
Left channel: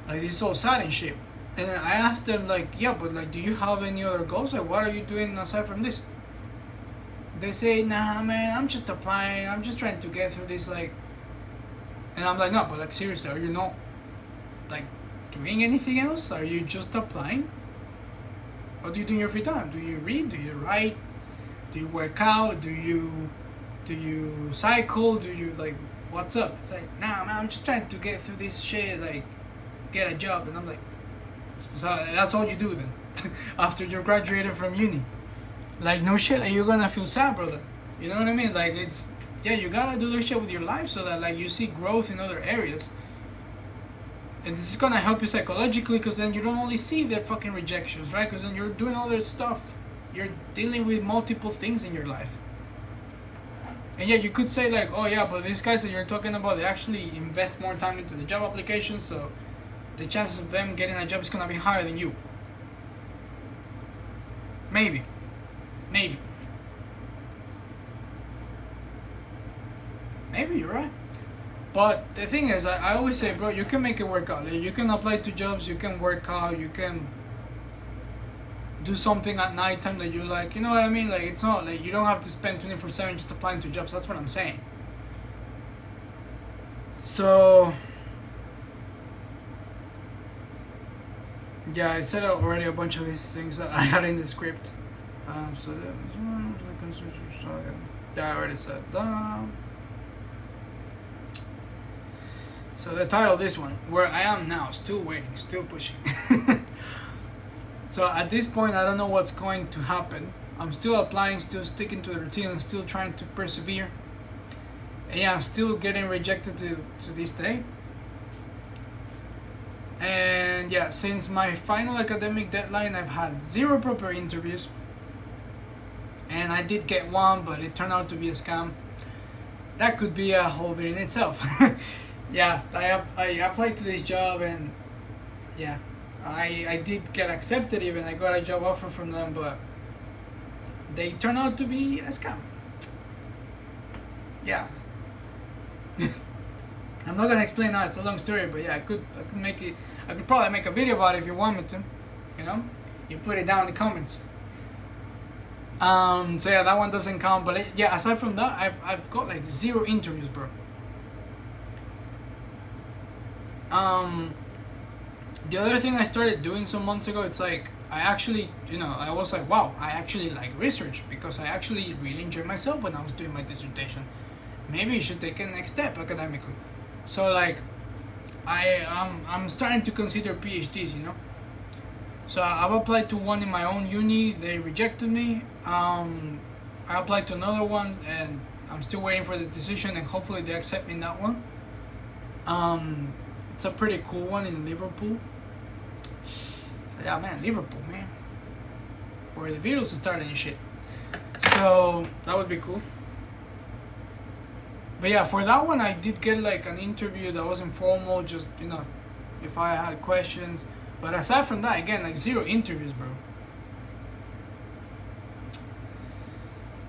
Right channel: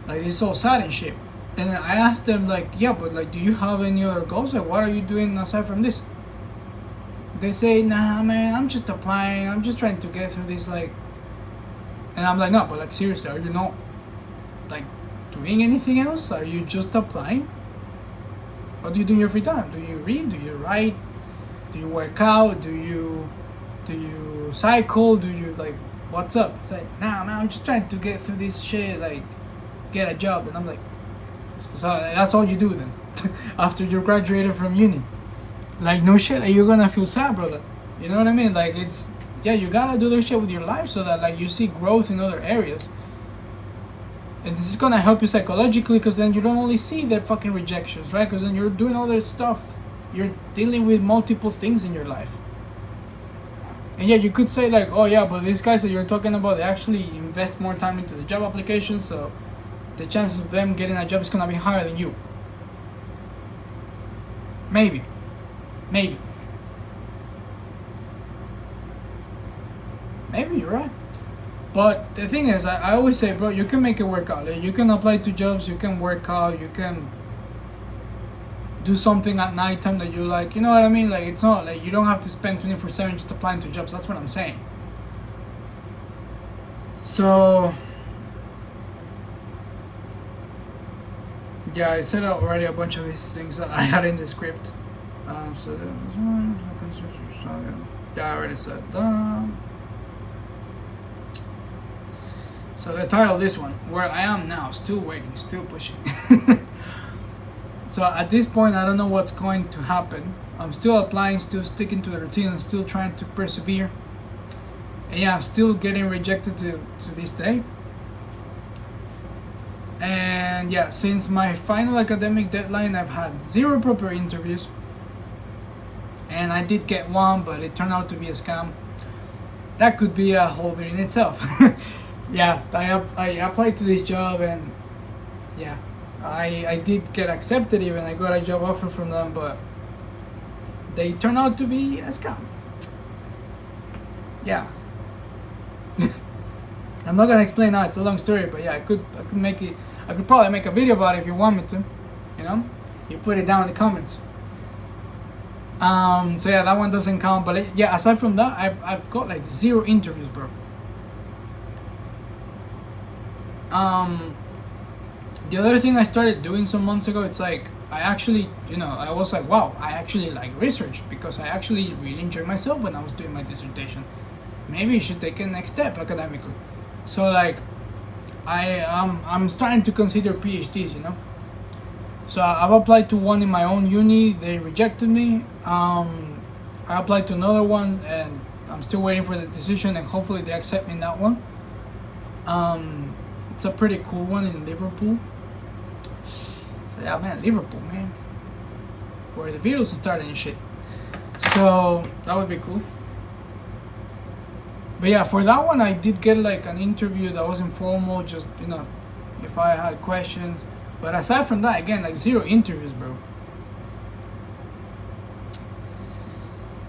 Like, it's so sad and shit. And I asked them like, yeah, but like, do you have any other goals? Like, what are you doing aside from this? They say, nah, man, I'm just applying. I'm just trying to get through this, like. And I'm like, no, but like, seriously, are you not like doing anything else? Are you just applying? What do you do in your free time? Do you read? Do you write? Do you work out? Do you cycle? Do you, like, what's up? It's like, nah, man, I'm just trying to get through this shit, like, get a job. And I'm like, so that's all you do then after you graduated from uni? Like, no shit, like, you're gonna feel sad, brother. You know what I mean? Like, it's, yeah, you gotta do this shit with your life so that like you see growth in other areas. And this is gonna help you psychologically, because then you don't only see the fucking rejections, right? Because then you're doing other stuff. You're dealing with multiple things in your life. And yeah, you could say like, oh yeah, but these guys that you're talking about, they actually invest more time into the job application, so the chances of them getting a job is gonna be higher than you. Maybe. Maybe you're right. But the thing is, I always say, bro, you can make it work out. Like, you can apply to jobs, you can work out, you can do something at nighttime that you like. You know what I mean? Like, it's not like you don't have to spend 24/7 just applying to jobs. That's what I'm saying. So, yeah, I said already a bunch of these things that I had in the script. So that was one. Yeah, I already said that. So the title of this one, Where I Am Now, Still Waiting, Still Pushing. So at this point, I don't know what's going to happen. I'm still applying, still sticking to the routine, and still trying to persevere. And yeah, I'm still getting rejected to this day. And yeah, since my final academic deadline, I've had 0 proper interviews. And I did get one, but it turned out to be a scam. That could be a whole video in itself. Yeah, I applied to this job, and yeah, I did get accepted even. I got a job offer from them, but they turned out to be a scam. Yeah. I'm not gonna explain now, it's a long story, but yeah, I could make it. I could probably make a video about it if you want me to. You know? You put it down in the comments. So yeah, that one doesn't count, but yeah, aside from that, I've got like 0 interviews, bro. The other thing I started doing some months ago, it's like I actually, I was like, wow, I actually like research, because I actually really enjoyed myself when I was doing my dissertation. Maybe you should take a next step academically. So like, I'm starting to consider PhDs, So I've applied to one in my own uni. They rejected me. I applied to another one, and I'm still waiting for the decision, and hopefully they accept me in that one. It's a pretty cool one in Liverpool. So yeah, man, Liverpool, man, where the Beatles started and shit. So that would be cool. But yeah, for that one, I did get like an interview that was informal, just if I had questions. But aside from that, again, like 0 interviews, bro.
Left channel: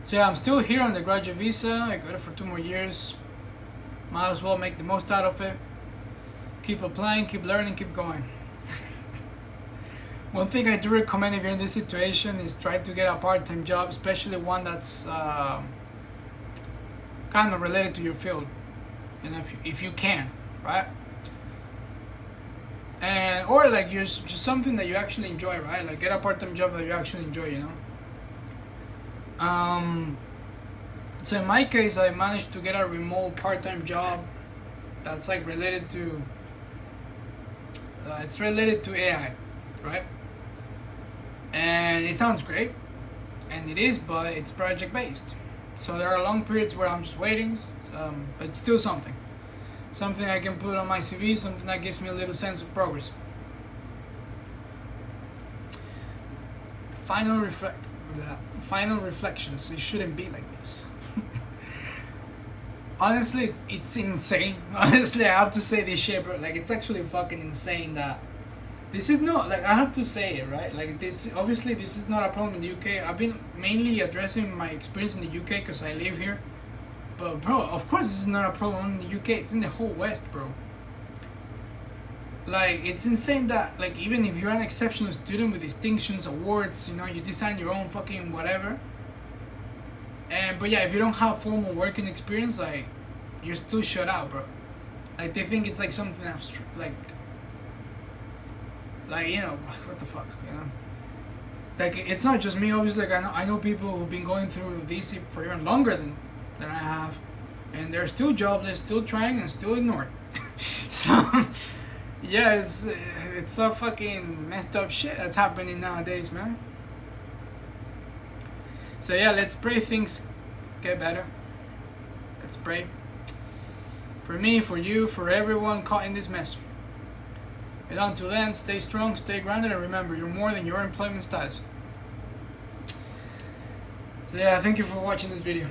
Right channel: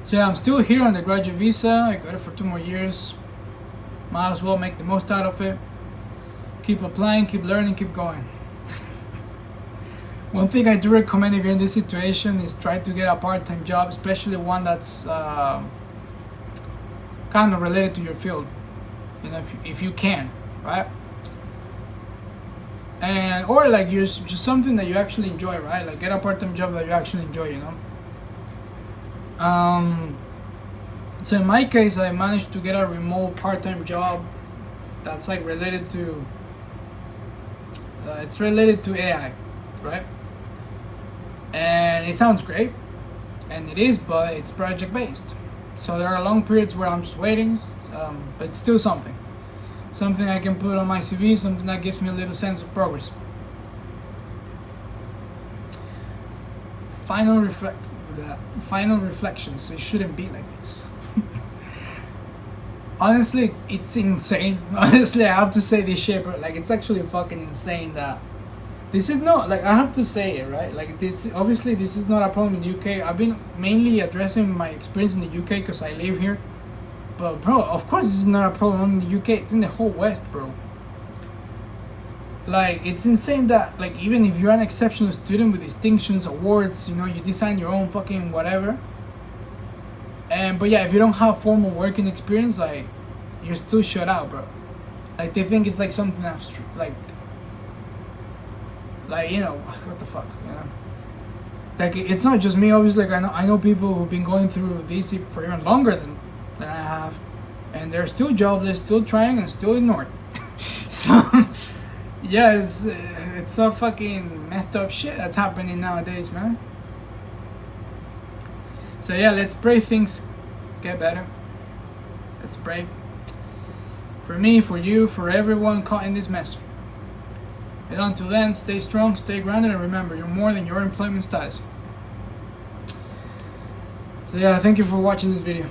So yeah, I'm still here on the graduate visa. I got it for 2 more years. Might as well make the most out of it. Keep applying, keep learning, keep going. One thing I do recommend if you're in this situation is try to get a part-time job, especially one that's kind of related to your field. If you can, right? And or like just something that you actually enjoy, right? Like get a part-time job that you actually enjoy, So in my case, I managed to get a remote part-time job that's like related to it's related to AI, right? And it sounds great, and it is, but it's project based. So there are long periods where I'm just waiting, but it's still something I can put on my CV, something that gives me a little sense of progress. Final reflections. It shouldn't be like this. Honestly, it's insane. Honestly, I have to say this shit, bro. Like, it's actually fucking insane that this is not, like, I have to say it, right? Like, obviously, this is not a problem in the UK. I've been mainly addressing my experience in the UK because I live here. But, bro, of course, this is not a problem in the UK. It's in the whole West, bro. Like, it's insane that, like, even if you're an exceptional student with distinctions, awards, you design your own fucking whatever. But yeah, if you don't have formal working experience, like, you're still shut out, bro. Like, they think it's like something that's like what the fuck, Like, it's not just me, obviously. Like, I know people who've been going through this for even longer than I have, and they're still jobless, still trying, and still ignored. So yeah, it's a fucking messed up shit that's happening nowadays, man. So yeah, let's pray things get better. Let's pray. For me, for you, for everyone caught in this mess. And until then, stay strong, stay grounded, and remember, you're more than your employment status. So yeah, thank you for watching this video.